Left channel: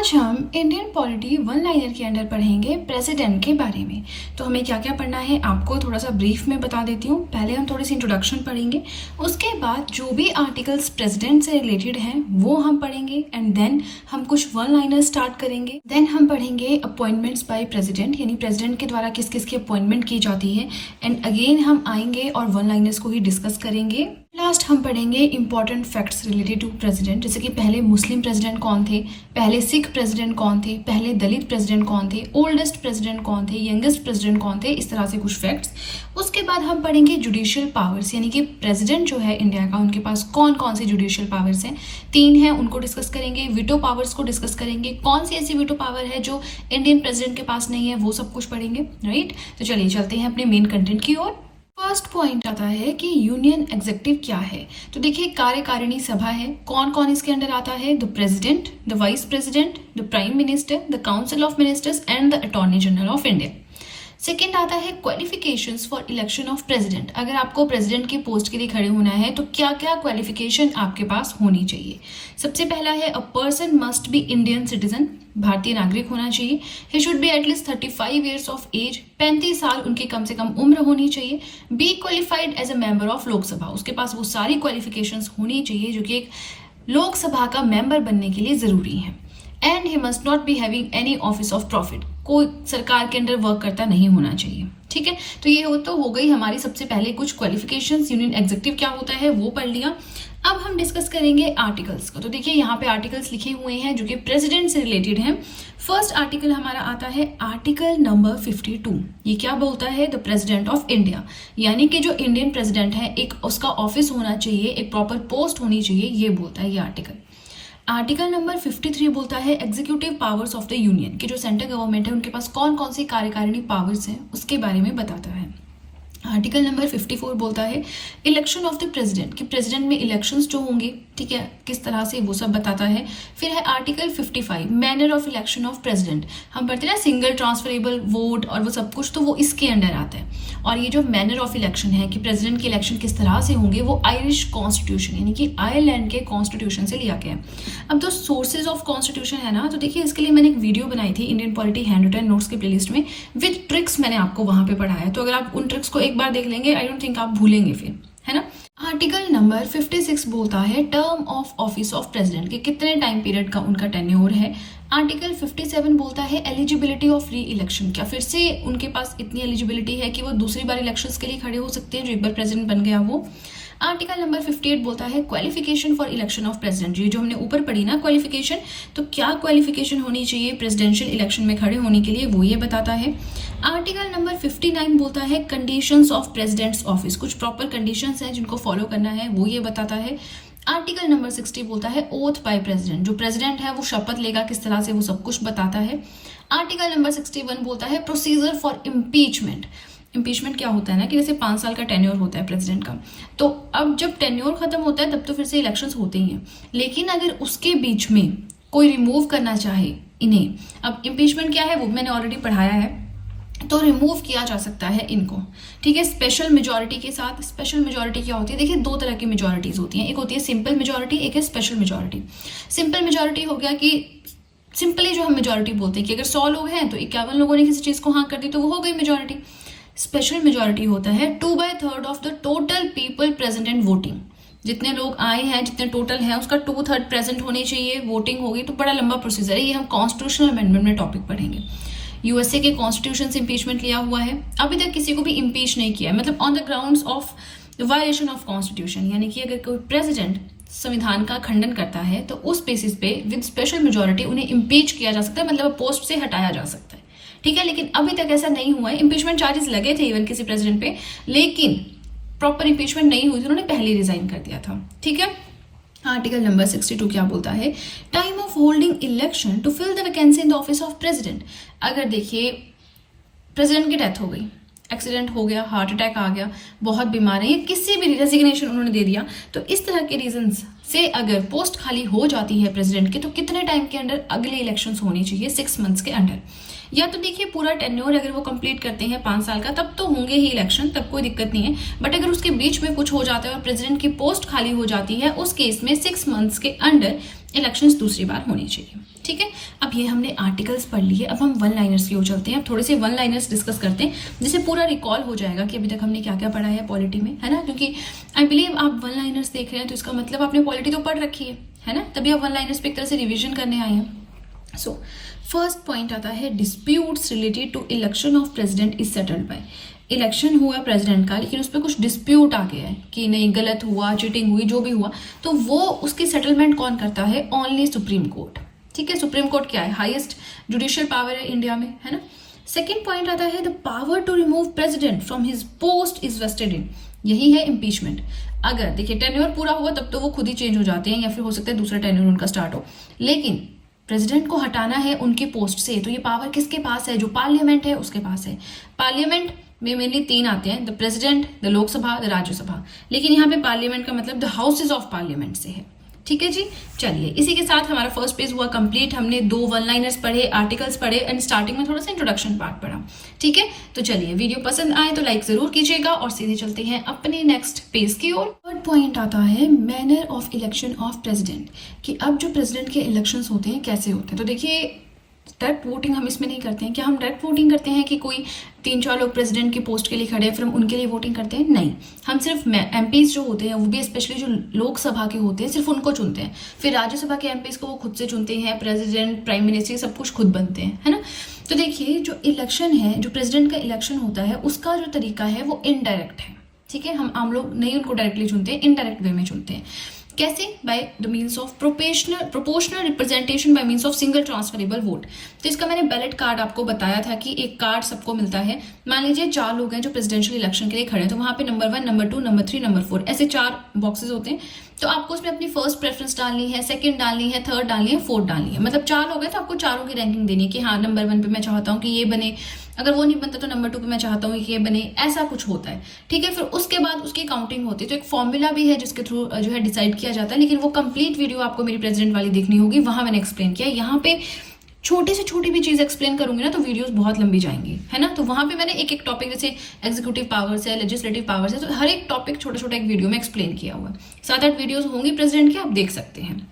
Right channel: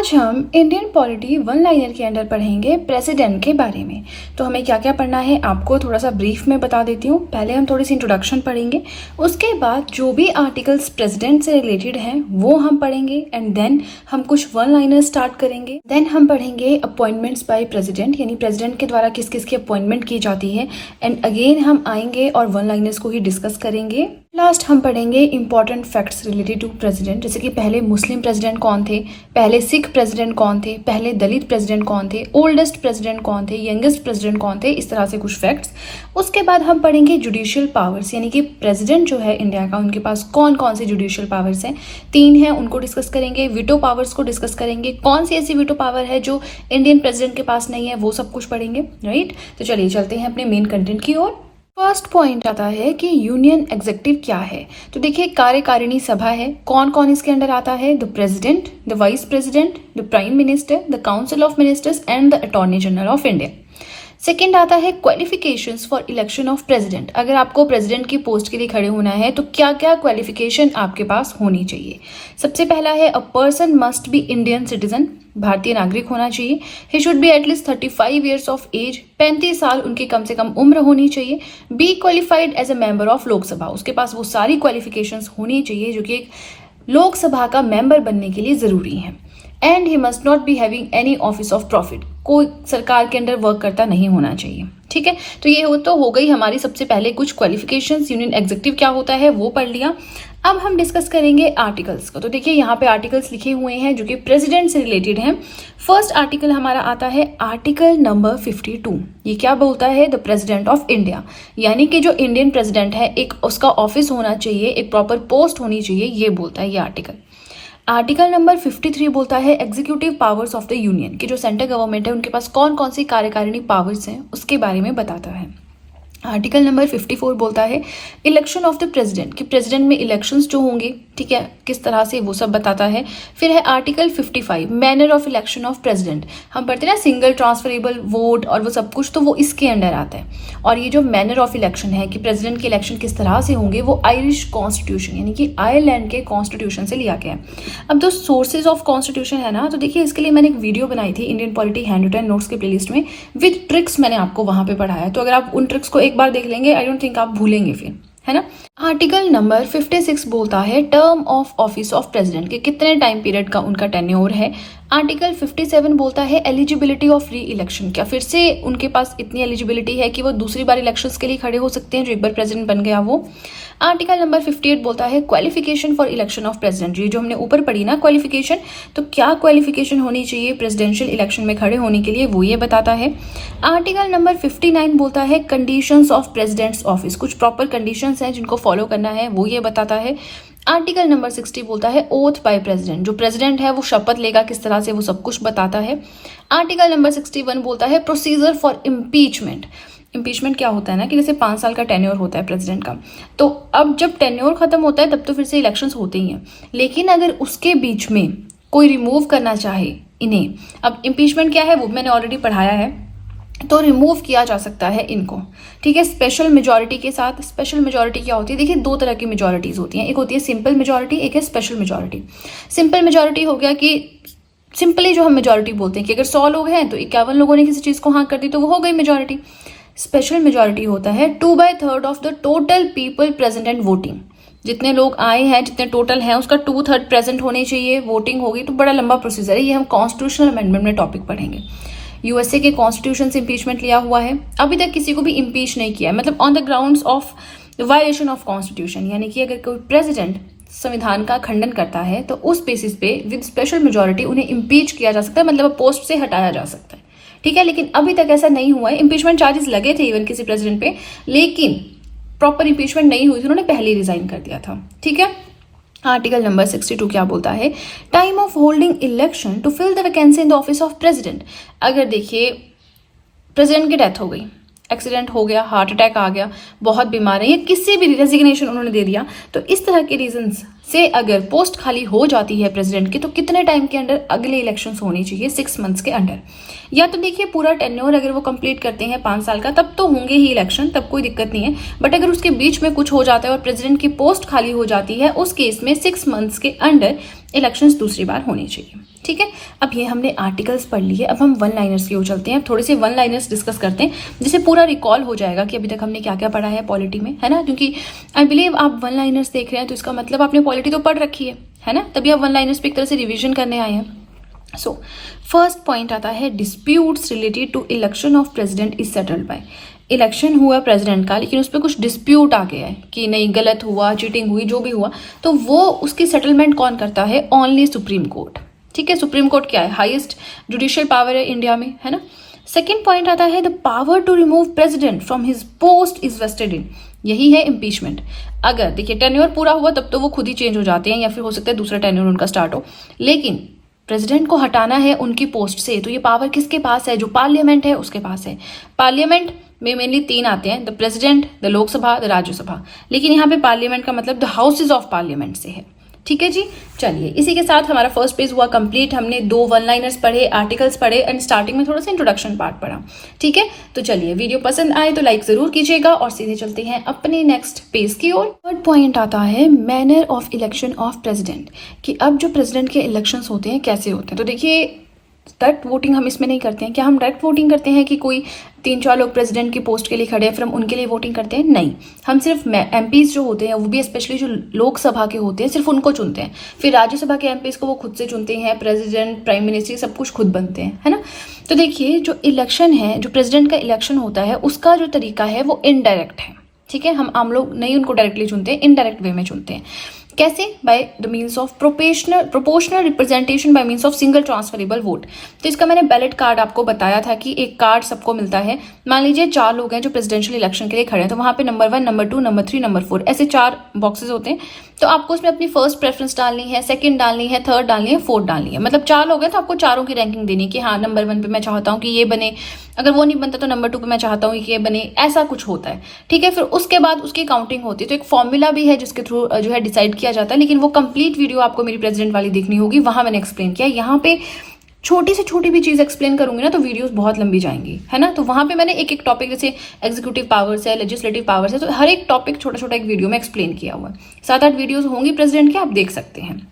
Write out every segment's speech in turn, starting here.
आज हम Indian polity one liner के अंदर पढ़ेंगे प्रेसिडेंट के बारे में। तो हमें क्या क्या पढ़ना है आपको थोड़ा सा ब्रीफ में बता देती हूँ। पहले हम थोड़ी सी इंट्रोडक्शन पढ़ेंगे, उसके बाद जो भी आर्टिकल्स प्रेसिडेंट से रिलेटेड हैं वो हम पढ़ेंगे एंड देन हम कुछ वन लाइनर स्टार्ट करेंगे। देन हम पढ़ेंगे अपॉइंटमेंट्स बाय प्रेसिडेंट, यानी प्रेसिडेंट के द्वारा किस किस की अपॉइंटमेंट की जाती है एंड अगेन हम आएंगे और वन लाइनर्स को ही डिस्कस करेंगे। लास्ट हम पढ़ेंगे important facts related to president, जैसे कि पहले मुस्लिम प्रेसिडेंट कौन थे, पहले सिख प्रेसिडेंट कौन थे, पहले दलित प्रेसिडेंट कौन थे, ओल्डेस्ट प्रेसिडेंट कौन थे, यंगेस्ट प्रेसिडेंट कौन थे, इस तरह से कुछ फैक्ट्स। उसके बाद हम पढ़ेंगे जुडिशियल पावर्स, यानी कि प्रेसिडेंट जो है इंडिया का उनके पास कौन कौन सी जुडिशियल पावर्स हैं। 3 हैं, उनको डिस्कस करेंगे। वीटो पावर्स को डिस्कस करेंगे, कौन सी ऐसी वीटो पावर है जो इंडियन प्रेसिडेंट के पास नहीं है, वो सब कुछ पढ़ेंगे। राइट, तो चलिए चलते हैं अपने मेन कंटेंट की ओर। फर्स्ट पॉइंट आता है कि यूनियन एग्जीक्यूटिव क्या है। तो देखिए कार्यकारिणी सभा है, कौन कौन इसके अंडर आता है, the president, the vice president, the prime minister, the council of ministers and the attorney general of India. Second आता है qualifications for election of president. अगर आपको प्रेसिडेंट की पोस्ट के लिए खड़े होना है तो क्या क्या क्वालिफिकेशन आपके पास होनी चाहिए। सबसे पहला है a person must be Indian citizen, भारतीय नागरिक होना चाहिए। He should be at least 35 years of age, 35 साल उनकी कम से कम उम्र होनी चाहिए। Be qualified as a member of Lok Sabha, उसके पास वो सारी क्वालिफिकेशंस होनी चाहिए जो कि एक लोकसभा का मेंबर बनने के लिए जरूरी है। And he must not be having any office of profit, कोई सरकार के अंदर वर्क करता नहीं होना चाहिए। ठीक है, तो ये हो गई हमारी सबसे पहले कुछ क्वालिफिकेशंस। यूनियन एग्जीक्यूटिव क्या होता है वो पढ़ लिया। अब हम डिस्कस करेंगे आर्टिकल्स को। तो देखिए यहाँ पे आर्टिकल्स लिखे हुए हैं जो कि प्रेसिडेंट से रिलेटेड हैं। फर्स्ट आर्टिकल हमारा आता है आर्टिकल नंबर 52। ये क्या बोलता है, द प्रेसिडेंट ऑफ इंडिया, यानी कि जो इंडियन प्रेसिडेंट है एक उसका ऑफिस होना चाहिए, एक प्रॉपर पोस्ट होनी चाहिए, ये बोलता है ये आर्टिकल। आर्टिकल नंबर 53 बोलता है executive powers of the union, कि जो सेंट्रल गवर्नमेंट है उनके पास कौन कौन सी कार्यकारिणी पावर्स हैं उसके बारे में बताता है। आर्टिकल नंबर 54 बोलता है इलेक्शन ऑफ द प्रेसिडेंट, कि प्रेसिडेंट में इलेक्शंस जो होंगे, ठीक है, किस तरह से, वो सब बताता है। फिर है article 55 manner of election of president. हम पढ़ते हैं ना सिंगल ट्रांसफरेबल वोट और वो सब कुछ, तो वो इसके अंडर आता है। और ये जो मैनर ऑफ इलेक्शन है कि प्रेसिडेंट के इलेक्शन किस तरह से होंगे, वो आयरिश कॉन्स्टिट्यूशन यानी कि आयरलैंड के कॉन्स्टिट्यूशन से लिया गया है। अब जो सोर्सेज ऑफ कॉन्स्टिट्यूशन है ना, तो देखिए इसके लिए मैंने एक वीडियो बनाई थी Indian polity hand written notes के प्लेलिस्ट में, विद ट्रिक्स मैंने आपको वहां पे पढ़ाया। तो अगर आप उन ट्रिक्स को एक बार देख लेंगे, आई डोंट थिंक आप भूलेंगे फिर, है ना। आर्टिकल नंबर 56 बोलता है term of office of president, के कितने टाइम पीरियड का उनका टेन्योर है। आर्टिकल 57 बोलता है एलिजिबिलिटी ऑफ री इलेक्शन, क्या फिर से उनके पास इतनी एलिजिबिलिटी है कि वो दूसरी बार इलेक्शंस के लिए खड़े हो सकते हैं, जो एक बार प्रेसिडेंट बन गया वो। आर्टिकल नंबर 58 बोलता है qualification for election of president, ये जो हमने ऊपर पढ़ी ना क्वालिफिकेशन, तो क्या क्वालिफिकेशन होनी चाहिए प्रेसिडेंशियल इलेक्शन में खड़े होने के लिए, वो ये बताता है। आर्टिकल नंबर 59 बोलता है कंडीशंस ऑफ प्रेसिडेंट्स ऑफिस, कुछ प्रॉपर कंडीशंस हैं जिनको फॉलो करना है, वो ये बताता है। आर्टिकल नंबर 60 बोलता है ओथ बाय प्रेसिडेंट, जो प्रेसिडेंट है वो शपथ लेगा किस तरह से, वो सब कुछ बताता है। आर्टिकल नंबर 61 बोलता है प्रोसीजर फॉर इम्पीचमेंट। इम्पीचमेंट क्या होता है ना, कि जैसे 5 साल का टेन्योर होता है प्रेसिडेंट का, तो अब जब टेन्योर खत्म होता है तब तो फिर से इलेक्शंस होते ही हैं, लेकिन अगर उसके बीच में कोई रिमूव करना चाहे इन्हें, अब इम्पीचमेंट क्या है वो मैंने ऑलरेडी पढ़ाया है, तो रिमूव किया जा सकता है इनको, ठीक है, स्पेशल मेजोरिटी के साथ। स्पेशल मेजोरिटी क्या होती है, देखिए 2 तरह की मेजोरिटीज होती हैं, एक होती है सिंपल मेजोरिटी, एक है स्पेशल मेजोरिटी। सिंपल मेजोरिटी हो गया कि सिंपली जो हम मेजोरिटी बोलते हैं कि अगर 100 लोग हैं तो 51 लोगों ने किसी चीज को हाँ कर दी तो वो हो गई मेजोरिटी। स्पेशल मेजोरिटी होता है 2/3 of the total people present and voting, जितने लोग आए हैं जितने टोटल हैं उसका 2/3 प्रेजेंट होने चाहिए, वोटिंग होगी। तो बड़ा लंबा प्रोसीजर है, ये हम कॉन्स्टिट्यूशनल अमेंडमेंट में टॉपिक पढ़ेंगे। यूएसए के कॉन्स्टिट्यूशन से इम्पीचमेंट लिया हुआ है, अभी तक किसी को भी इम्पीच नहीं किया है, मतलब on the grounds of violation of constitution, यानी कि अगर कोई प्रेसिडेंट संविधान का खंडन करता है तो उस बेसिस पे विद स्पेशल मेजोरिटी उन्हें इम्पीच किया जा सकता है, मतलब पोस्ट से हटाया जा सकता है, ठीक है। लेकिन अभी तक ऐसा नहीं हुआ है। इम्पीचमेंट चार्जेस लगे थे इवन किसी प्रेसिडेंट पे, लेकिन प्रॉपर इम्पीचमेंट नहीं हुई थी, उन्होंने पहले रिजाइन कर दिया था, ठीक है। आर्टिकल नंबर 62 क्या बोलता है, time of holding election to fill the vacancy in the office of president. अगर देखिए प्रेसिडेंट की डेथ हो गई, एक्सीडेंट हो गया, हार्ट अटैक आ गया, बहुत बीमार है, या किसी भी रेजिग्नेशन उन्होंने दे दिया, तो इस तरह के रीजंस से अगर पोस्ट खाली हो जाती है प्रेसिडेंट की, तो कितने टाइम के अंदर अगले इलेक्शंस होनी चाहिए, 6 मंथ्स के अंडर। या तो देखिए पूरा टेन्योर अगर वो कंप्लीट करते हैं 5 साल का, तब तो होंगे ही इलेक्शन, तब कोई दिक्कत नहीं है। बट अगर उसके बीच में कुछ हो जाता है और प्रेसिडेंट की पोस्ट खाली हो जाती है, उस केस में 6 मंथ्स के अंडर इलेक्शंस दूसरी बार होनी चाहिए, ठीक है। अब अब ये हमने आर्टिकल्स पढ़ लिए, अब हम वन लाइनर्स की ओर चलते हैं। थोड़े से वन लाइनर्स डिस्कस करते हैं जिससे पूरा रिकॉल हो जाएगा कि अभी तक हमने क्या क्या पढ़ा है पॉलिटी में, है ना। क्योंकि आई बिलीव आप वन लाइनर्स देख रहे हैं तो इसका मतलब आपने पॉलिटी तो पढ़ रखी है ना, तभी आप वन लाइनर्स पे एक तरह से रिविजन करने आए हैं। सो फर्स्ट पॉइंट आता है disputes related to election of president is settled by. Election हुआ प्रेसिडेंट का, लेकिन उस पर कुछ डिस्प्यूट आ गया है कि नहीं गलत हुआ, चीटिंग हुई, जो भी हुआ, तो वो उसकी सेटलमेंट कौन करता है? Only supreme court. ठीक है, सुप्रीम कोर्ट क्या है? हाईएस्ट जुडिशियल पावर है इंडिया में, है ना। सेकेंड पॉइंट आता है the power to remove president from his post is vested in. यही है इम्पीचमेंट। अगर देखिए टेन्योर पूरा हुआ तब तो वो खुद ही चेंज हो जाते हैं या फिर हो सकता है दूसरा टेन्योर उनका स्टार्ट हो, लेकिन प्रेसिडेंट को हटाना है उनकी पोस्ट से, तो ये पावर किसके पास है? जो पार्लियामेंट है उसके पास है। पार्लियामेंट में मेनली तीन आते हैं, the president, the Lok Sabha, the Rajya Sabha, लेकिन यहाँ पे पार्लियामेंट का मतलब द हाउसेज ऑफ पार्लियामेंट से है। ठीक है जी, चलिए इसी के साथ हमारा फर्स्ट पेज हुआ कंप्लीट। हमने 2 वन लाइनर्स पढ़े, आर्टिकल्स पढ़े एंड स्टार्टिंग में थोड़ा सा इंट्रोडक्शन पार्ट पढ़ा। ठीक है, तो चलिए वीडियो पसंद आए तो लाइक जरूर कीजिएगा और सीधे चलते हैं अपने नेक्स्ट पेज की ओर। थर्ड पॉइंट आता है manner of election of president, कि अब जो प्रेसिडेंट के इलेक्शंस होते हैं कैसे होते हैं। तो देखिए डायरेक्ट वोटिंग हम इसमें नहीं करते हैं। क्या हम डायरेक्ट वोटिंग करते हैं कि कोई 3-4 लोग प्रेसिडेंट की पोस्ट के लिए खड़े हैं फिर हम उनके लिए वोटिंग करते हैं? नहीं, हम सिर्फ एमपीज जो होते हैं वो भी स्पेशली जो लोकसभा के होते हैं सिर्फ उनको चुनते हैं। फिर राज्यसभा के एमपीज को वो खुद से चुनते हैं, प्रेसिडेंट, प्राइम मिनिस्टर सब कुछ खुद बनते हैं, है ना। तो देखिए जो इलेक्शन है, जो प्रेसिडेंट का इलेक्शन होता है उसका जो तरीका है वो इनडायरेक्ट है। ठीक है, हम आम लोग नहीं उनको डायरेक्टली चुनते हैं, इनडायरेक्ट वे में चुनते हैं। कैसे? By the means of proportional representation bye means of single transferable vote. तो इसका मैंने बैलेट कार्ड आपको बताया था कि एक कार्ड सबको मिलता है। मान लीजिए 4 लोग हैं जो प्रेसिडेंशियल इलेक्शन के लिए खड़े हैं, तो वहां पे नंबर 1, नंबर 2, नंबर 3, नंबर 4 ऐसे 4 बॉक्सेस होते हैं। तो आपको उसमें अपनी फर्स्ट प्रेफरेंस डालनी है, सेकंड डालनी है, थर्ड डालनी है, फोर्थ डालनी है। मतलब 4 लोग हैं तो आपको चारों की रैंकिंग देनी है कि हाँ नंबर 1 पे मैं चाहता हूँ कि ये बने, अगर वो नहीं बनता तो नंबर 2 पे मैं चाहता हूँ कि ये बने, ऐसा कुछ होता है। ठीक है, फिर उसके बाद उसकी काउंटिंग होती है। तो एक फॉर्मूला भी है जिसके थ्रू जो है डिसाइड किया जाता है, लेकिन वो कंप्लीट वीडियो आपको मेरी प्रेसिडेंट वाली देखनी होगी, वहां मैंने एक्सप्लेन किया। यहाँ पे छोटी से छोटी भी चीज एक्सप्लेन करूंगी ना तो वीडियोस बहुत लंबी जाएंगी, है ना। तो वहां पे मैंने एक एक टॉपिक, जैसे एग्जीक्यूटिव पावर्स है, लेजिस्लेटिव पावर्स है, तो हर एक टॉपिक छोटा छोटा एक वीडियो में एक्सप्लेन किया हुआ। 7-8 वीडियोस होंगी प्रेसिडेंट के, आप देख सकते हैं।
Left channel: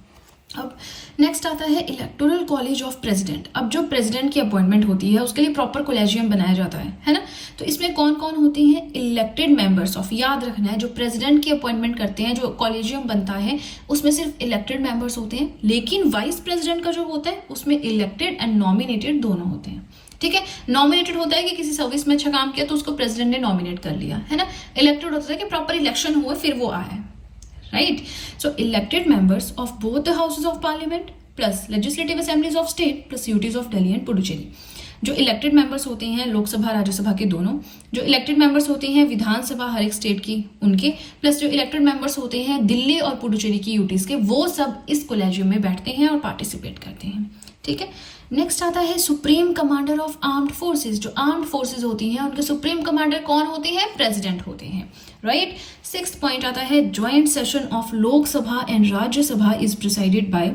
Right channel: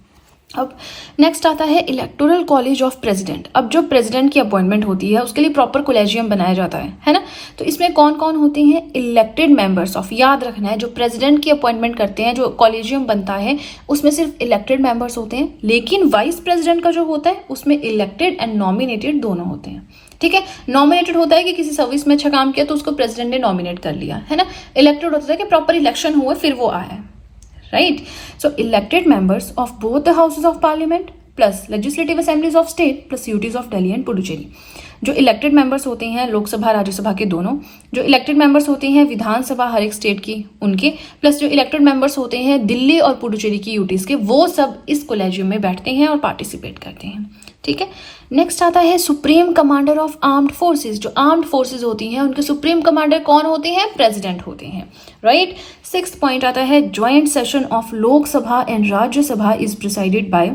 अब नेक्स्ट आता है इलेक्टोरल कॉलेज ऑफ प्रेसिडेंट। अब जो प्रेसिडेंट की अपॉइंटमेंट होती है उसके लिए प्रॉपर कोलेजियम बनाया जाता है ना। तो इसमें कौन कौन होते हैं? इलेक्टेड मेंबर्स ऑफ, याद रखना है जो प्रेसिडेंट की अपॉइंटमेंट करते हैं, जो कॉलेजियम बनता है उसमें सिर्फ इलेक्टेड मेंबर्स होते हैं, लेकिन वाइस प्रेसिडेंट का जो होता है उसमें इलेक्टेड एंड नॉमिनेटेड दोनों होते हैं। ठीक है, नॉमिनेटेड होता है कि किसी सर्विस में अच्छा काम किया तो उसको प्रेसिडेंट ने नॉमिनेट कर लिया, है ना। इलेक्टेड होता है कि प्रॉपर इलेक्शन हुआ फिर वो आया, right? So elected members of both the houses of parliament plus legislative assemblies of state plus UTs of Delhi and Puducherry। जो इलेक्टेड मेंबर्स होते हैं लोकसभा राज्यसभा के दोनों, जो इलेक्टेड मेंबर्स होते हैं विधानसभा हर एक स्टेट की उनके, प्लस जो इलेक्टेड मेंबर्स होते हैं दिल्ली और पुडुचेरी की यूटीज के, वो सब इस कोलेजियम में बैठते हैं और पार्टिसिपेट करते हैं। ठीक है, नेक्स्ट आता है supreme commander of armed forces. जो आर्म्ड फोर्सेस होती हैं उनके सुप्रीम कमांडर कौन होते हैं? प्रेसिडेंट होते हैं, राइट। 6th पॉइंट आता है joint session of Lok Sabha and Rajya Sabha is presided bye.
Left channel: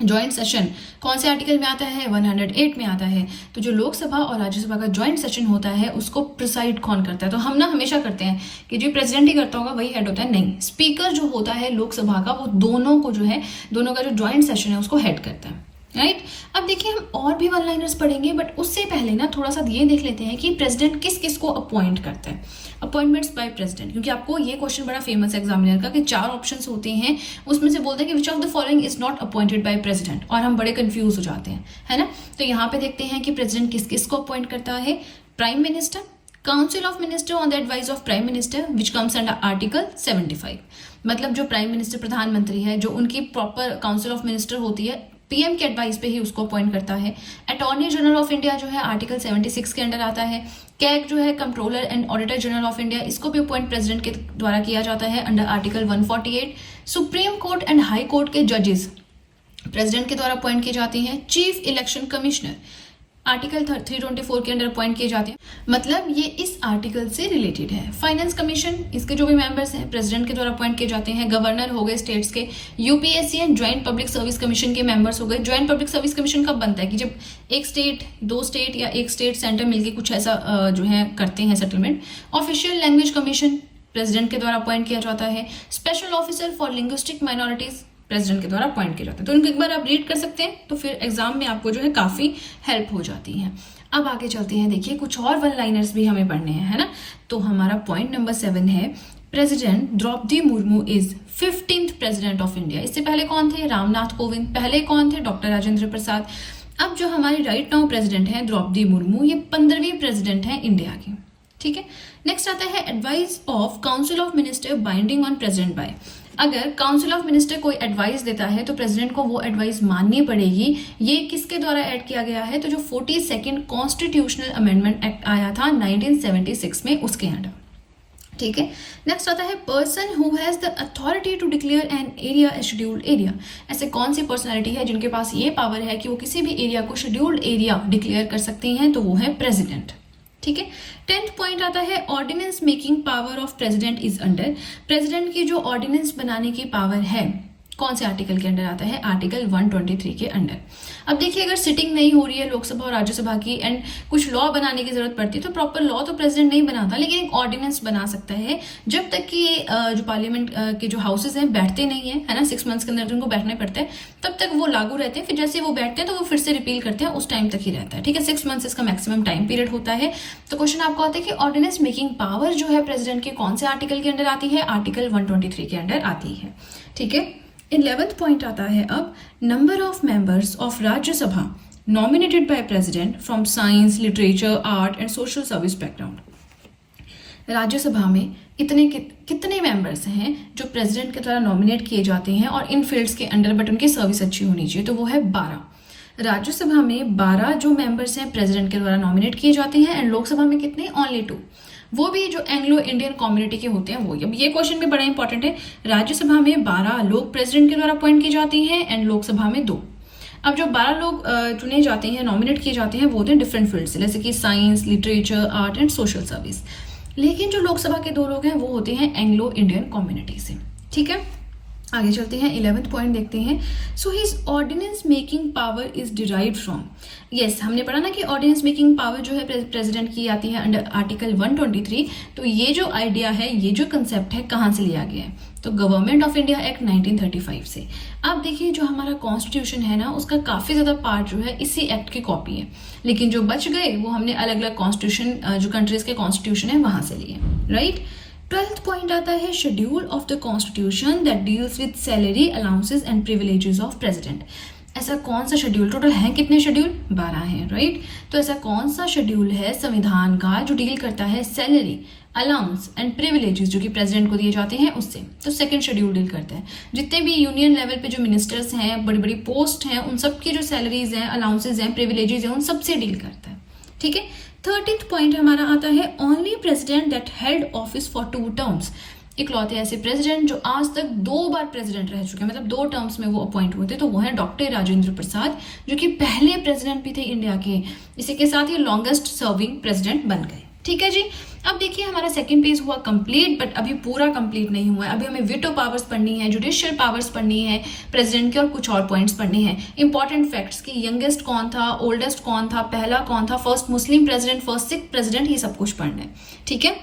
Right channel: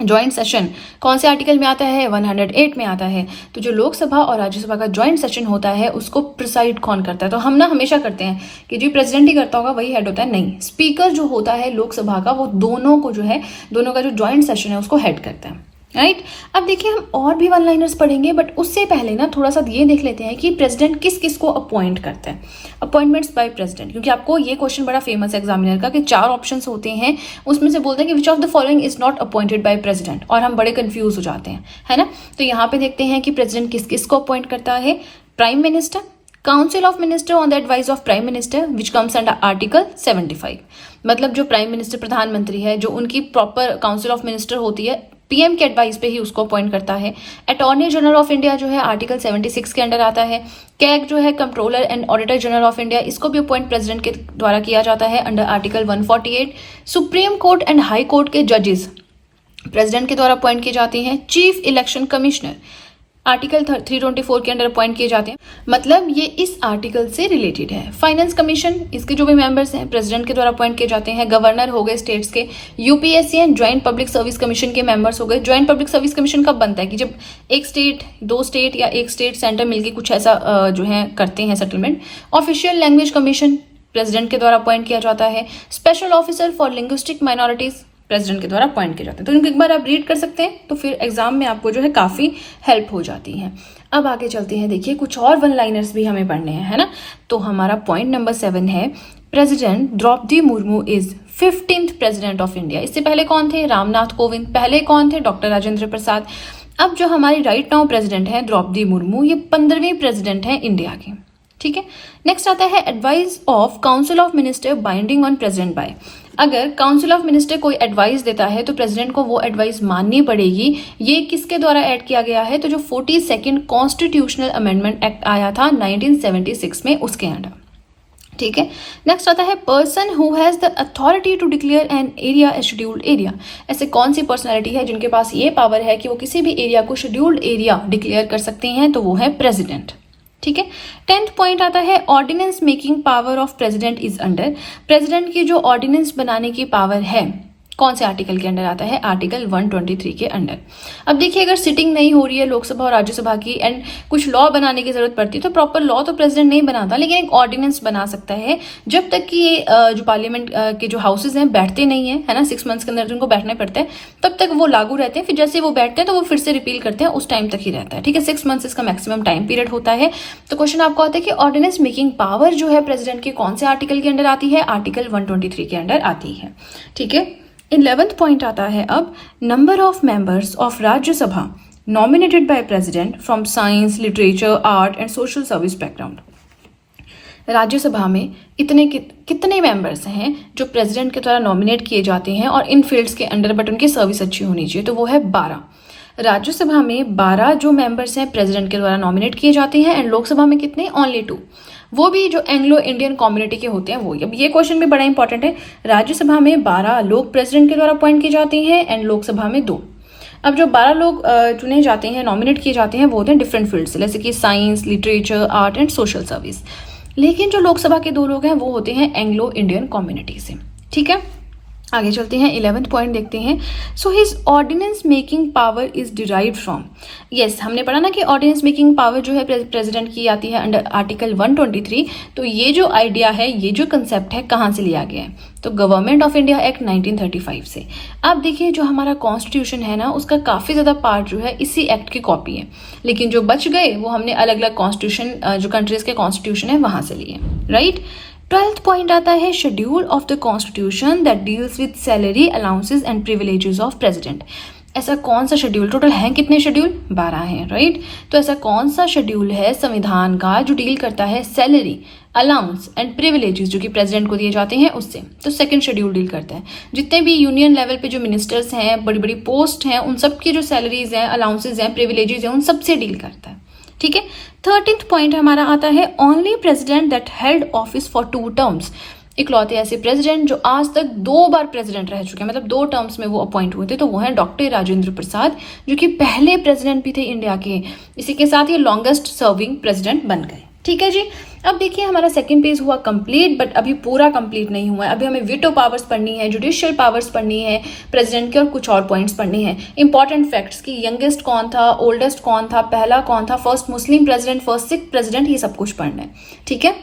Joint session कौन से आर्टिकल में आता है? 108 में आता है। तो जो लोकसभा और राज्यसभा का ज्वाइंट सेशन होता है उसको प्रिसाइड कौन करता है? तो हम ना हमेशा करते हैं कि जो प्रेसिडेंट ही करता होगा वही हेड होता है, नहीं, स्पीकर जो होता है लोकसभा का वो दोनों को जो है, दोनों का जो ज्वाइंट सेशन है उसको हेड करता है, राइट। अब देखिए हम और भी वन लाइनर्स पढ़ेंगे, बट उससे पहले ना थोड़ा सा ये देख लेते हैं कि प्रेसिडेंट किस किस को अपॉइंट करता है। अपॉइंटमेंट्स बाय प्रेसिडेंट, क्योंकि आपको ये क्वेश्चन बड़ा फेमस है एग्जामिनर का कि 4 ऑप्शंस होते हैं, उसमें से बोलते हैं कि which of the following is not appointed by president, और हम बड़े कंफ्यूज हो जाते हैं, है ना। तो यहाँ पे देखते हैं कि प्रेसिडेंट किस किस को अपॉइंट करता है। Prime minister, council of minister on the advice of prime minister which comes under article 75। मतलब जो प्राइम मिनिस्टर प्रधानमंत्री है, जो उनकी प्रॉपर काउंसिल ऑफ मिनिस्टर होती है, पीएम के एडवाइस पे ही उसको अपॉइंट करता है। अटॉर्नी जनरल ऑफ इंडिया जो है आर्टिकल 76 के अंडर आता है। कैग जो है controller and auditor general of India, इसको भी अपॉइंट प्रेसिडेंट के द्वारा किया जाता है under article 148। Supreme court and high court के जजेस प्रेसिडेंट के द्वारा अपॉइंट किए जाते हैं। चीफ इलेक्शन कमिश्नर आर्टिकल 324 के अंडर अपॉइंट किए जाते हैं, मतलब ये इस आर्टिकल से रिलेटेड है। फाइनेंस कमीशन, इसके जो भी मेंबर्स हैं प्रेसिडेंट के द्वारा अपॉइंट किए जाते हैं। गवर्नर हो गए स्टेट्स के। UPSC and joint public service commission के मेंबर्स हो गए। ज्वाइंट पब्लिक सर्विस कमीशन कब बनता है? कि जब एक स्टेट, 2 स्टेट या एक स्टेट सेंटर मिलकर कुछ ऐसा जो है करते हैं settlement. Official language commission president के द्वारा अपॉइंट किया जाता है। Special officer for linguistic minorities president के द्वारा अपॉइंट किए जाते हैं। तो इनको एक बार आप रीड कर सकते हैं, तो फिर एग्जाम में आपको जो है काफी हेल्प हो जाती है। अब आगे चलते हैं, देखिए कुछ और वन लाइनर्स भी हमें पढ़ने हैं, है ना। तो हमारा पॉइंट नंबर 7 है, president Droupadi Murmu is 15th president of India. इससे पहले कौन थे? रामनाथ कोविंद। पहले कौन थे? डॉक्टर राजेंद्र प्रसाद। अब जो हमारी राइट नाउ प्रेसिडेंट है द्रौपदी मुर्मू, ये 15वीं प्रेसिडेंट है इंडिया की, ठीक है। नेक्स्ट आता है advice of council of minister binding on president bye. अगर काउंसिल ऑफ मिनिस्टर कोई एडवाइस देता है तो प्रेसिडेंट को वो एडवाइस माननी पड़ेगी। ये किसके द्वारा ऐड किया गया है? तो जो 42nd कॉन्स्टिट्यूशनल अमेंडमेंट एक्ट आया था 1976 में, उसके अंडर, ठीक है। नेक्स्ट आता है person who has the authority to declare an area a scheduled area. ऐसे कौन सी पर्सनालिटी है जिनके पास ये पावर है कि वो किसी भी एरिया को शेड्यूल्ड एरिया डिक्लेयर कर सकते हैं? तो वो है प्रेसिडेंट, ठीक है। 10th पॉइंट आता है ordinance making power of president is under. President की जो ऑर्डिनेंस बनाने की पावर है कौन से आर्टिकल के अंडर आता है? आर्टिकल 123 के अंडर। अब देखिए अगर सिटिंग नहीं हो रही है लोकसभा और राज्यसभा की एंड कुछ लॉ बनाने की जरूरत पड़ती है, तो प्रॉपर लॉ तो प्रेसिडेंट नहीं बनाता, लेकिन एक ऑर्डिनेंस बना सकता है जब तक कि ये जो पार्लियामेंट के जो हाउसेज हैं बैठते नहीं है ना, 6 मंथ्स के अंदर उनको बैठना पड़ता है, तब तक वो लागू रहते हैं। फिर जैसे वो बैठते हैं तो वो फिर से रिपील करते हैं, उस टाइम तक ही रहता है, ठीक है। 6 मंथ्स इसका मैक्सिमम टाइम पीरियड होता है। तो क्वेश्चन आपको आता है कि ऑर्डिनेंस मेकिंग पावर जो है प्रेसिडेंट की कौन से आर्टिकल के अंडर आती है? आर्टिकल 123 के अंडर आती है, ठीक है। 11th पॉइंट आता है अब number of members of Rajya Sabha nominated by president from science, literature, art and social service background. Rajya Sabha में कितने मेंबर्स हैं जो प्रेसिडेंट के द्वारा नॉमिनेट किए जाते हैं और इन फील्ड्स के अंडर, बट उनकी सर्विस अच्छी होनी चाहिए? तो वो है 12। राज्यसभा में 12 जो मेंबर्स हैं प्रेसिडेंट के द्वारा नॉमिनेट किए जाते हैं, एंड लोकसभा में कितने? ओनली 2, वो भी जो एंग्लो इंडियन कम्युनिटी के होते हैं वो। अब ये क्वेश्चन भी बड़ा इंपॉर्टेंट है। राज्यसभा में 12 लोग प्रेसिडेंट के द्वारा अपॉइंट किए जाते हैं एंड लोकसभा में 2। अब जो 12 लोग चुने जाते हैं, नॉमिनेट किए जाते हैं, वो होते हैं डिफरेंट फील्ड से, जैसे कि science, literature, art and social service. लेकिन जो लोकसभा के 2 लोग हैं वो होते हैं एंग्लो इंडियन कम्युनिटी से, ठीक है। आगे चलते हैं, 11th पॉइंट देखते हैं। So his ordinance making power is derived from. Yes, हमने पढ़ा ना कि ऑर्डिनेंस मेकिंग पावर जो है प्रेसिडेंट की आती है अंडर आर्टिकल 123। तो ये जो आइडिया है, ये जो कंसेप्ट है, कहाँ से लिया गया है? तो गवर्नमेंट ऑफ इंडिया एक्ट 1935 से। अब देखिए जो हमारा कॉन्स्टिट्यूशन है ना, उसका काफी ज्यादा पार्ट जो है इसी एक्ट की कॉपी है, लेकिन जो बच गए वो हमने अलग अलग कॉन्स्टिट्यूशन, जो कंट्रीज के कॉन्स्टिट्यूशन है वहां से लिए, राइट। 12th पॉइंट आता है schedule of the constitution that deals with salary, allowances and privileges of president. ऐसा कौन सा शेड्यूल, टोटल हैं कितने शेड्यूल? 12 हैं, राइट। तो ऐसा कौन सा शेड्यूल है संविधान का जो डील करता है सैलरी, अलाउंस एंड प्रिविलेजेस जो कि प्रेसिडेंट को दिए जाते हैं उससे? तो सेकंड शेड्यूल डील करता है। जितने भी यूनियन लेवल पे जो मिनिस्टर्स हैं, बड़ी बड़ी पोस्ट हैं, उन सबकी जो सैलरीज हैं, अलाउंसेज हैं, प्रिविलेजेस हैं, उन सबसे डील करता है, ठीक है। 13th पॉइंट हमारा आता है only president that held office for 2 terms. इकलौते ऐसे प्रेसिडेंट जो आज तक 2 बार प्रेसिडेंट रह चुके हैं, मतलब 2 टर्म्स में वो अपॉइंट हुए थे, तो वो है डॉक्टर राजेंद्र प्रसाद, जो कि पहले प्रेसिडेंट भी थे इंडिया के। इसी के साथ ये लॉन्गेस्ट सर्विंग प्रेसिडेंट बन गए, ठीक है जी। अब देखिए हमारा सेकंड पेज हुआ कंप्लीट, बट अभी पूरा कंप्लीट नहीं हुआ है। अभी हमें वीटो पावर्स पढ़नी है, जुडिशियल पावर्स पढ़नी है प्रेसिडेंट के, और कुछ और पॉइंट्स पढ़नी है। इंपॉर्टेंट फैक्ट्स कि यंगेस्ट कौन था, ओल्डेस्ट कौन था, पहला कौन था, first Muslim president, first Sikh president, ये सब कुछ पढ़ना है, ठीक है।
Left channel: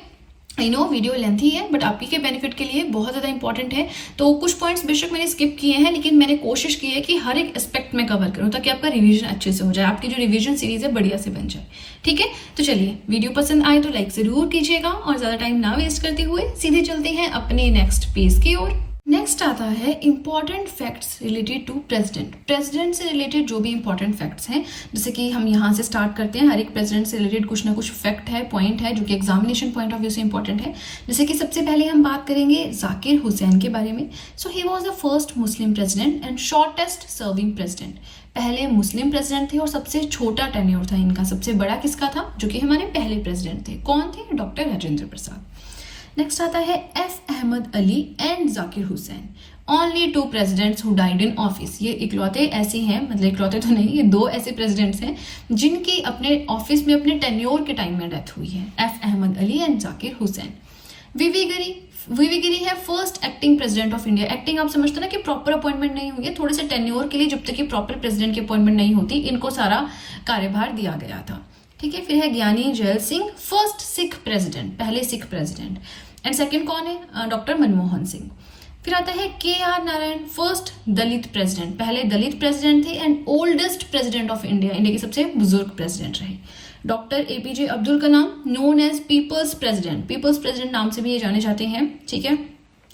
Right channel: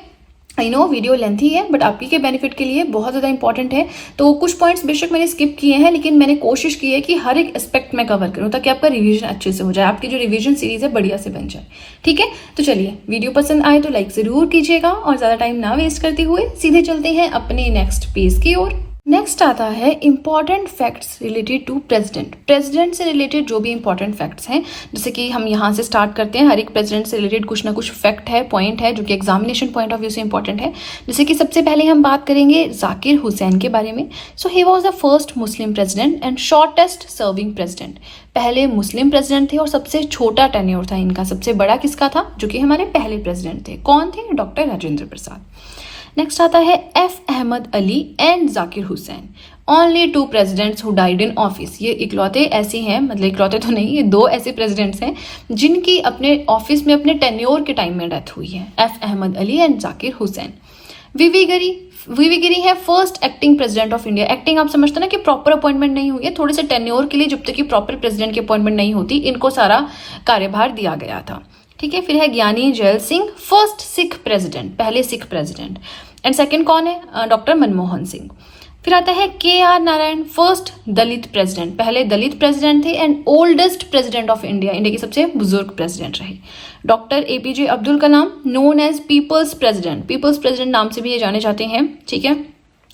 आई नो वीडियो लेंथी है, बट आपके के बेनिफिट के लिए बहुत ज्यादा इंपॉर्टेंट है। तो कुछ पॉइंट्स बेशक मैंने स्किप किए हैं, लेकिन मैंने कोशिश की है कि हर एक एस्पेक्ट में कवर करूं ताकि आपका रिवीजन अच्छे से हो जाए, आपकी जो रिवीजन सीरीज है बढ़िया से बन जाए, ठीक है। तो चलिए, वीडियो पसंद आए तो लाइक जरूर कीजिएगा, और ज्यादा टाइम ना वेस्ट करते हुए सीधे चलते हैं अपने नेक्स्ट पेज की ओर। नेक्स्ट आता है important facts related to president. President से रिलेटेड जो भी इंपॉर्टेंट फैक्ट्स हैं, जैसे कि हम यहाँ से स्टार्ट करते हैं। हर एक प्रेसिडेंट से रिलेटेड कुछ ना कुछ फैक्ट है, पॉइंट है, जो कि एग्जामिनेशन पॉइंट ऑफ व्यू से इंपॉर्टेंट है। जैसे कि सबसे पहले हम बात करेंगे जाकिर हुसैन के बारे में। So he was the first Muslim president and shortest serving president. पहले मुस्लिम प्रेसिडेंट थे और सबसे छोटा टेन्योर था इनका। सबसे बड़ा किसका था? जो कि हमारे पहले प्रेसिडेंट थे। कौन थे? डॉक्टर राजेंद्र प्रसाद। नेक्स्ट आता है F Ahmed Ali and Zakir Hussain, only 2 presidents who died in office. ये इकलौते ऐसे हैं, मतलब इकलौते तो नहीं, ये 2 ऐसे प्रेसिडेंट्स हैं जिनकी अपने ऑफिस में अपने टेन्योर के टाइम में डेथ हुई है, एफ अहमद अली एंड जाकिर हुसैन। वीवी गिरी है first acting president of India. Acting आप समझते ना कि प्रॉपर अपॉइंटमेंट नहीं हुई है, थोड़े से टेन्योर के लिए, जब तक कि प्रॉपर प्रेसिडेंट की अपॉइंटमेंट नहीं होती, इनको सारा कार्यभार दिया गया था, ठीक है। फिर है ज्ञानी जैल सिंह, फर्स्ट सिख प्रेसिडेंट, पहले सिख प्रेसिडेंट। एंड सेकंड कौन है? डॉक्टर मनमोहन सिंह। फिर आता है KR Narayan, first Dalit president, पहले दलित प्रेसिडेंट थे and oldest president of India, India के सबसे बुजुर्ग प्रेसिडेंट रहे। Doctor APJ Abdul Kalam, known as people's president, people's president नाम से भी ये जाने जाते हैं, ठीक है।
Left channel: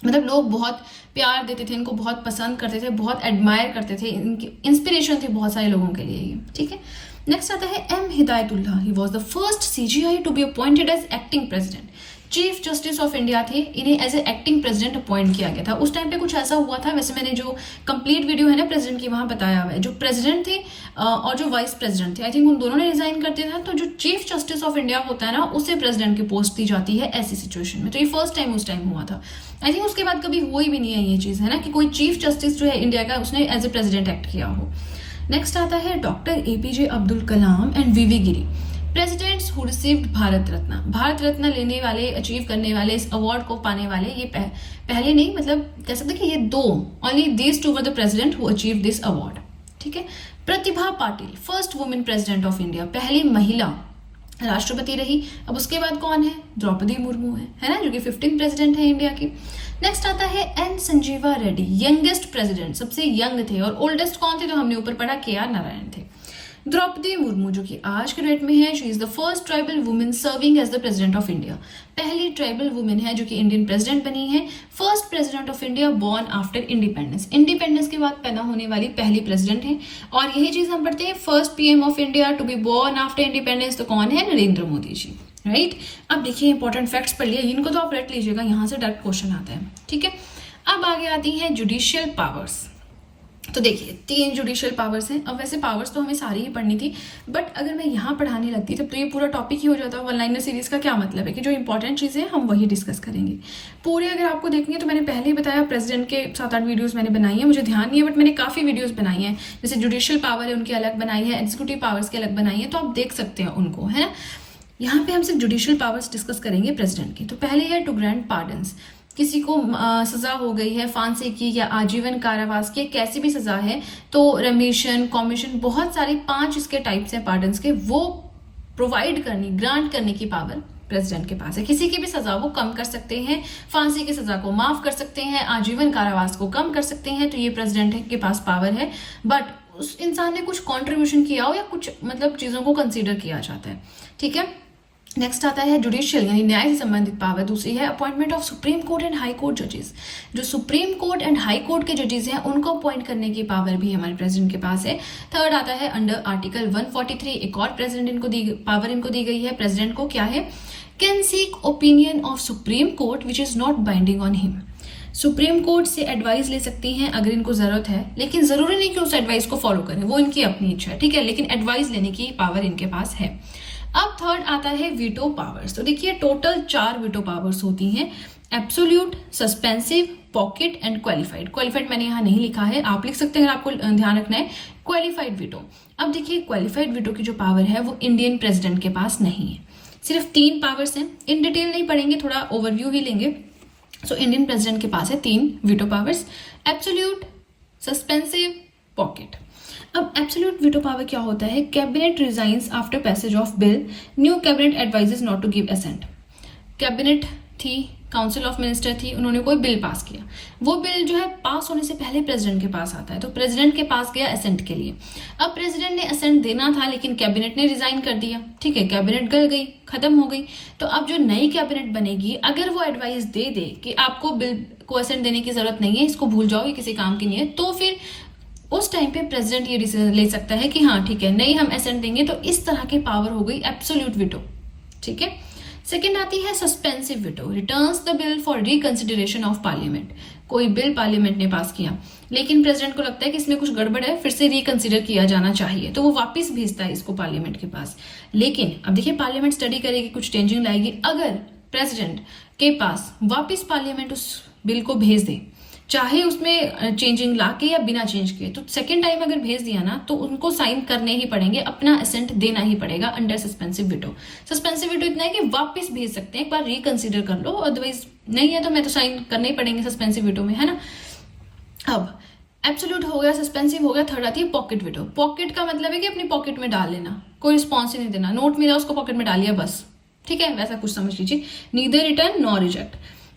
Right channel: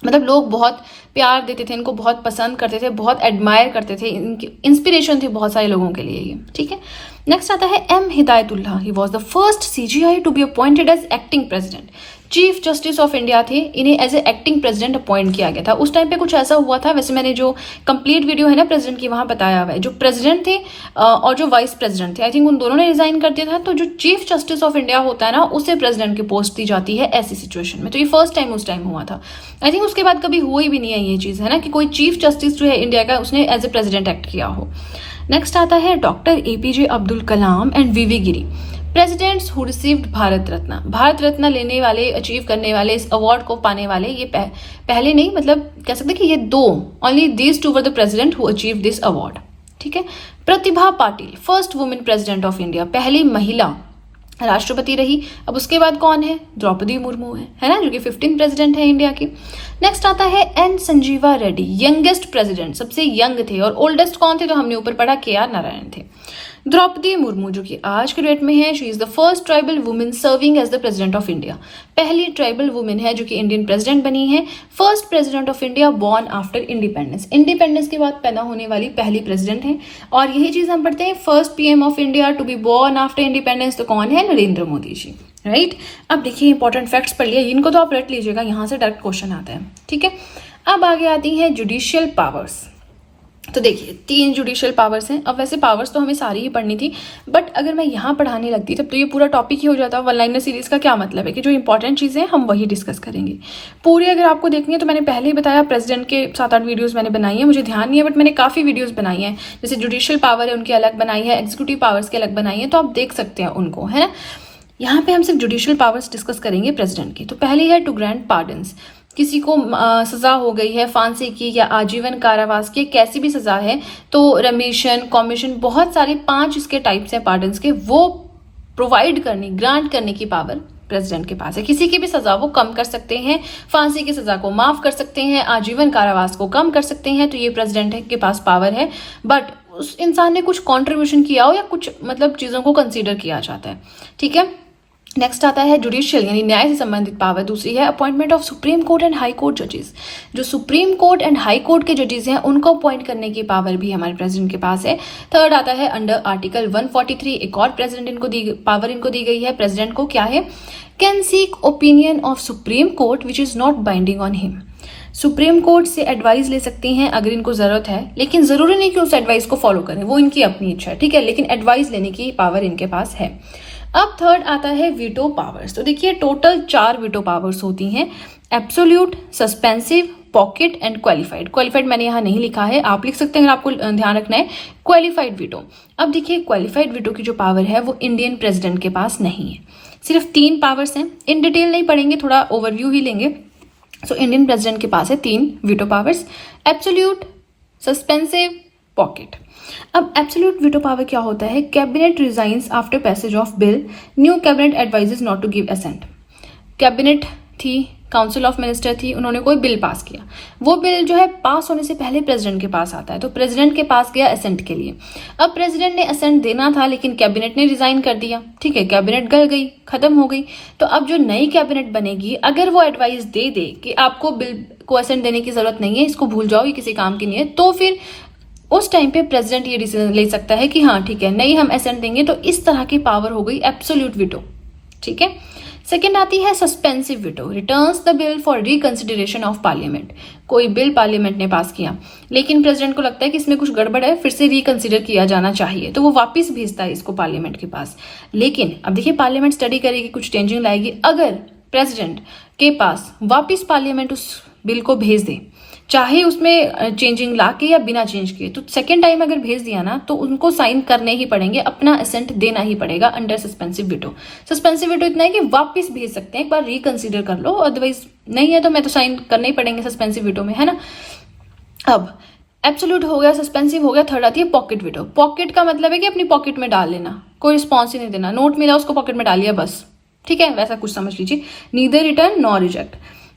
मतलब लोग बहुत प्यार देते थे इनको, बहुत पसंद करते थे, बहुत एडमायर करते थे, इनकी इंस्पिरेशन थी बहुत सारे लोगों के लिए ये, ठीक है। नेक्स्ट आता है M Hidayatullah, he was the first CGI to be appointed as acting president, chief justice of India थे, इन्हें as a acting president appoint किया गया था। उस टाइम पे कुछ ऐसा हुआ था, वैसे मैंने जो कंप्लीट वीडियो है ना प्रेसिडेंट की वहां बताया हुआ है, जो प्रेसिडेंट थे और जो वाइस प्रेसिडेंट थे, आई थिंक उन दोनों ने रिजाइन कर दिया था, तो जो चीफ जस्टिस ऑफ इंडिया होता है ना उसे प्रेसिडेंट की पोस्ट दी जाती है ऐसी सिचुएशन में। तो ये फर्स्ट टाइम उस टाइम हुआ था, आई थिंक उसके बाद कभी हुई भी नहीं है ये चीज, है ना, कि कोई चीफ जस्टिस जो है इंडिया का उसने एज ए प्रेसिडेंट एक्ट किया हो। नेक्स्ट आता है doctor APJ Abdul Kalam and VV Giri, presidents who received Bharat Ratna, Bharat Ratna लेने वाले, अचीव करने वाले, इस अवार्ड को पाने वाले, ये पहले नहीं, मतलब कह सकते कि ये दो, only these two were the president who achieve this award, ठीक है। Pratibha Patil, first women president of India, पहली महिला राष्ट्रपति रही। अब उसके बाद कौन है, द्रौपदी मुर्मू है ना, जो कि 15th प्रेसिडेंट है इंडिया की। नेक्स्ट आता है N Sanjiva Reddy, youngest president, सबसे यंग थे, और ओल्डेस्ट कौन थे तो हमने ऊपर पढ़ा KR नारायण थे। द्रौपदी मुर्मू जो कि आज के डेट में है, she is the first tribal women serving as the president of India, पहली ट्राइबल वुमेन है जो कि इंडियन प्रेसिडेंट बनी है। First president of India born after independence, independence के बाद पैदा होने वाली पहली प्रेसिडेंट है। और यही चीज हम पढ़ते हैं, first PM of India to be born after independence, तो कौन है, नरेंद्र मोदी जी, राइट। अब देखिए इंपॉर्टेंट फैक्ट्स पढ़ लिए, इनको तो आप रट लीजिएगा, यहां से डायरेक्ट क्वेश्चन आता है, ठीक है। अब आगे आती है जुडिशियल पावर्स, तो देखिए 3 जुडिशियल पावर्स हैं। अब वैसे पावर्स तो हमें सारी ही पढ़नी थी, बट अगर मैं यहाँ पढ़ाने लगती तब तो ये पूरा टॉपिक ही हो जाता। वन लाइनर सीरीज का क्या मतलब है कि जो इंपॉर्टेंट चीजें हैं हम वही डिस्कस करेंगे। पूरी अगर आपको देखनी है तो मैंने पहले ही बताया, प्रेसिडेंट के 7-8 वीडियोस मैंने बनाई है, मुझे ध्यान नहीं है बट मैंने काफी वीडियोस बनाई है। जैसे जुडिशियल पावर है उनकी अलग बनाई है, एग्जीक्यूटिव पावर्स की अलग बनाई है, तो आप देख सकते हैं उनको, है ना। यहाँ पे हम सिर्फ जुडिशियल पावर्स डिस्कस करेंगे प्रेसिडेंट की। तो पहली है टू ग्रांट पार्डन्स, किसी को सजा हो गई है फांसी की या आजीवन कारावास की, कैसी भी सजा है तो रेमिशन, कॉमिशन, बहुत सारे 5 इसके टाइप्स हैं पार्डन्स के, वो प्रोवाइड करनी, ग्रांट करने की पावर प्रेसिडेंट के पास है। किसी की भी सजा वो कम कर सकते हैं, फांसी की सजा को माफ कर सकते हैं, आजीवन कारावास को कम कर सकते हैं, तो ये प्रेसिडेंट के पास पावर है। बट उस इंसान ने कुछ कॉन्ट्रीब्यूशन किया हो या कुछ मतलब चीजों को कंसीडर किया जाता है, ठीक है। नेक्स्ट आता है जुडिशियल यानी न्याय से संबंधित पावर। दूसरी है appointment of supreme court and high court जजेस, जो supreme court and high court के जजेस हैं उनको अपॉइंट करने की पावर भी हमारे प्रेसिडेंट के पास है। थर्ड आता है अंडर आर्टिकल 143 एक और प्रेसिडेंट इनको दी गई है। प्रेसिडेंट को क्या है, can seek opinion of supreme court which is not binding on him, supreme court से एडवाइस ले सकते हैं अगर इनको जरूरत है, लेकिन जरूरी नहीं कि उस एडवाइस को फॉलो करें, वो इनकी अपनी इच्छा है, ठीक है, लेकिन एडवाइस लेने की पावर इनके पास है। अब थर्ड आता है वीटो पावर्स। तो देखिए टोटल 4 वीटो पावर्स होती हैं, absolute, suspensive, pocket and qualified. Qualified मैंने यहाँ नहीं लिखा है, आप लिख सकते हैं, आपको ध्यान रखना है क्वालिफाइड वीटो। अब देखिए क्वालिफाइड वीटो की जो पावर है वो इंडियन प्रेसिडेंट के पास नहीं है, सिर्फ 3 पावर्स हैं। इन डिटेल नहीं पढ़ेंगे, थोड़ा ओवरव्यू ही लेंगे। सो इंडियन प्रेसिडेंट के पास है 3 veto powers, absolute, suspensive, pocket. अब एब्सोल्यूट वीटो पावर क्या होता है, cabinet resigns after passage of bill, new cabinet advises not to give assent. Cabinet थी, काउंसिल ऑफ मिनिस्टर थी, उन्होंने कोई बिल पास किया, वो बिल जो है पास होने से पहले प्रेसिडेंट के पास आता है, तो प्रेसिडेंट के पास गया असेंट के लिए। अब प्रेसिडेंट ने असेंट देना था लेकिन कैबिनेट ने रिजाइन कर दिया, ठीक है, कैबिनेट गल गई, खत्म हो गई। तो अब जो नई कैबिनेट बनेगी अगर वो एडवाइस दे दे कि आपको बिल को असेंट देने की जरूरत नहीं है, इसको भूल जाओ, ये किसी काम की नहीं है, तो फिर उस टाइम पे प्रेसिडेंट ये डिसीजन ले सकता है कि हाँ ठीक है, नहीं हम असेंट देंगे। तो इस तरह की पावर हो गई एब्सोल्यूट वीटो, ठीक है। सेकेंड आती है suspensive veto, returns the bill for reconsideration of parliament. कोई बिल पार्लियामेंट ने पास किया लेकिन प्रेसिडेंट को लगता है कि इसमें कुछ गड़बड़ है, फिर से रिकंसिडर किया जाना चाहिए, तो वो वापस भेजता है इसको पार्लियामेंट के पास। लेकिन अब देखिए पार्लियामेंट स्टडी करेगी, कुछ चेंजिंग लाएगी, अगर प्रेसिडेंट के पास वापिस पार्लियामेंट उस बिल को भेज दे, चाहे उसमें चेंजिंग ला के या बिना चेंज किए, तो सेकेंड टाइम अगर भेज दिया ना तो उनको साइन करने ही पड़ेंगे, अपना असेंट देना ही पड़ेगा under suspensive veto. Suspensive veto इतना है कि वापस भेज सकते हैं, एक बार रिकंसीडर कर लो, अदरवाइज नहीं है तो मैं तो साइन करने ही पड़ेंगे सस्पेंसिव वीटो में, है ना। अब एब्सोल्यूट हो गया, सस्पेंसिव हो गया, थर्ड आती है पॉकेट वीटो। पॉकेट का मतलब है कि अपनी पॉकेट में डाल लेना, कोई रिस्पॉन्स ही नहीं देना, नोट मिला उसको पॉकेट में डालिए बस, ठीक है, वैसा कुछ समझ लीजिए, नीदर रिटर्न नॉर रिजेक्ट।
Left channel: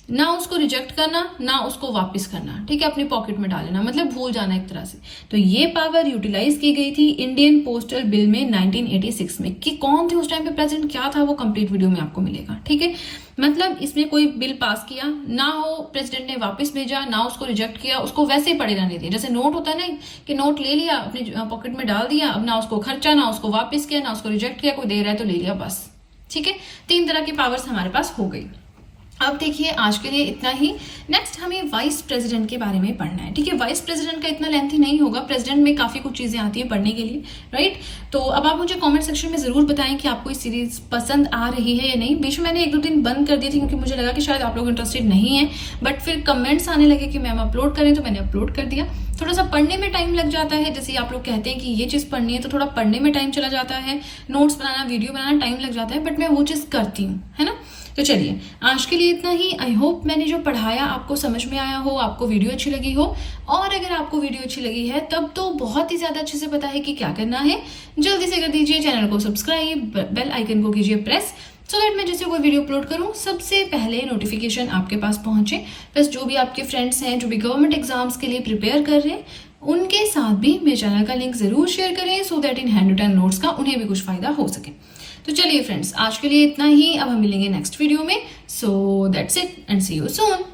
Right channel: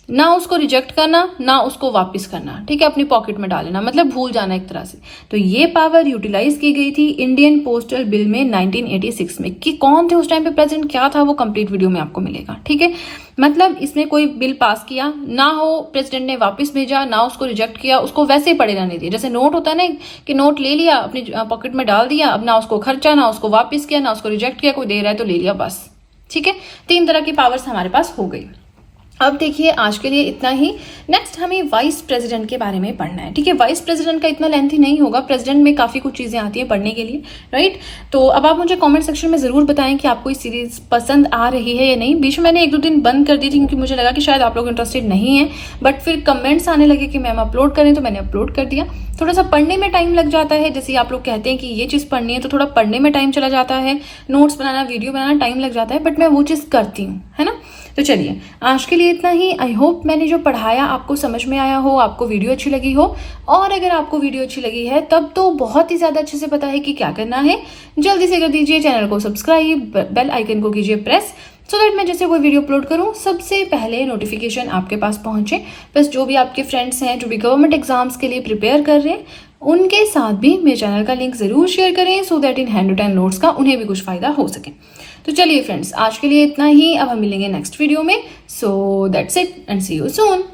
ना उसको रिजेक्ट करना ना उसको वापस करना, ठीक है, अपनी पॉकेट में डाल लेना, मतलब भूल जाना एक तरह से। तो ये पावर यूटिलाइज की गई थी इंडियन पोस्टल बिल में 1986 में। कि कौन थे उस टाइम पे प्रेजेंट, क्या था, वो कंप्लीट वीडियो में आपको मिलेगा, ठीक है। मतलब इसमें कोई बिल पास किया ना हो, प्रेसिडेंट ने वापस भेजा, ना उसको रिजेक्ट किया, उसको वैसे ही पड़े रहने दिए। जैसे नोट होता है ना कि नोट ले लिया अपनी पॉकेट में डाल दिया, अब ना उसको खर्चा, ना उसको वापस किया, ना उसको रिजेक्ट किया, कोई दे रहा है तो ले लिया, बस, ठीक है। 3 तरह की पावर्स हमारे पास हो गई। अब देखिए आज के लिए इतना ही। नेक्स्ट हमें वाइस प्रेसिडेंट के बारे में पढ़ना है, ठीक है। वाइस प्रेसिडेंट का इतना लेंथी नहीं होगा, प्रेसिडेंट में काफी कुछ चीजें आती है पढ़ने के लिए, राइट। तो अब आप मुझे कमेंट सेक्शन में जरूर बताएं कि आपको ये सीरीज पसंद आ रही है या नहीं। बीच में मैंने 1-2 दिन बंद कर दी थी क्योंकि मुझे लगा कि शायद आप लोग इंटरेस्टेड नहीं है, बट फिर कमेंट्स आने लगे कि मैम अपलोड करें, तो मैंने अपलोड कर दिया। थोड़ा सा पढ़ने में टाइम लग जाता है, जैसे आप लोग कहते हैं कि ये चीज पढ़नी है तो थोड़ा पढ़ने में टाइम चला जाता है, नोट्स बनाना, वीडियो बनाना टाइम लग जाता है, बट मैं वो चीज करती हूँ, है ना। तो चलिए आज के लिए इतना ही। आई होप मैंने जो पढ़ाया आपको समझ में आया हो, आपको वीडियो अच्छी लगी हो। और अगर आपको वीडियो अच्छी लगी है तब तो बहुत ही ज्यादा अच्छे से पता है कि क्या करना है। जल्दी से कर दीजिए चैनल को सब्सक्राइब, बेल आइकन को कीजिए प्रेस, सो दैट मैं जैसे कोई वीडियो अपलोड करूं सबसे पहले नोटिफिकेशन आपके पास पहुंचे। बस जो भी आपके फ्रेंड्स हैं जो भी गवर्नमेंट एग्जाम्स के लिए प्रिपेयर कर रहे हैं उनके साथ भी मेरे चैनल का लिंक जरूर शेयर करें, सो दैट इन हैंड रिटन नोट्स का उन्हें भी कुछ फायदा हो सके। तो चलिए फ्रेंड्स आज के लिए इतना ही। अब हम मिलेंगे नेक्स्ट वीडियो में। So that's it and see you soon.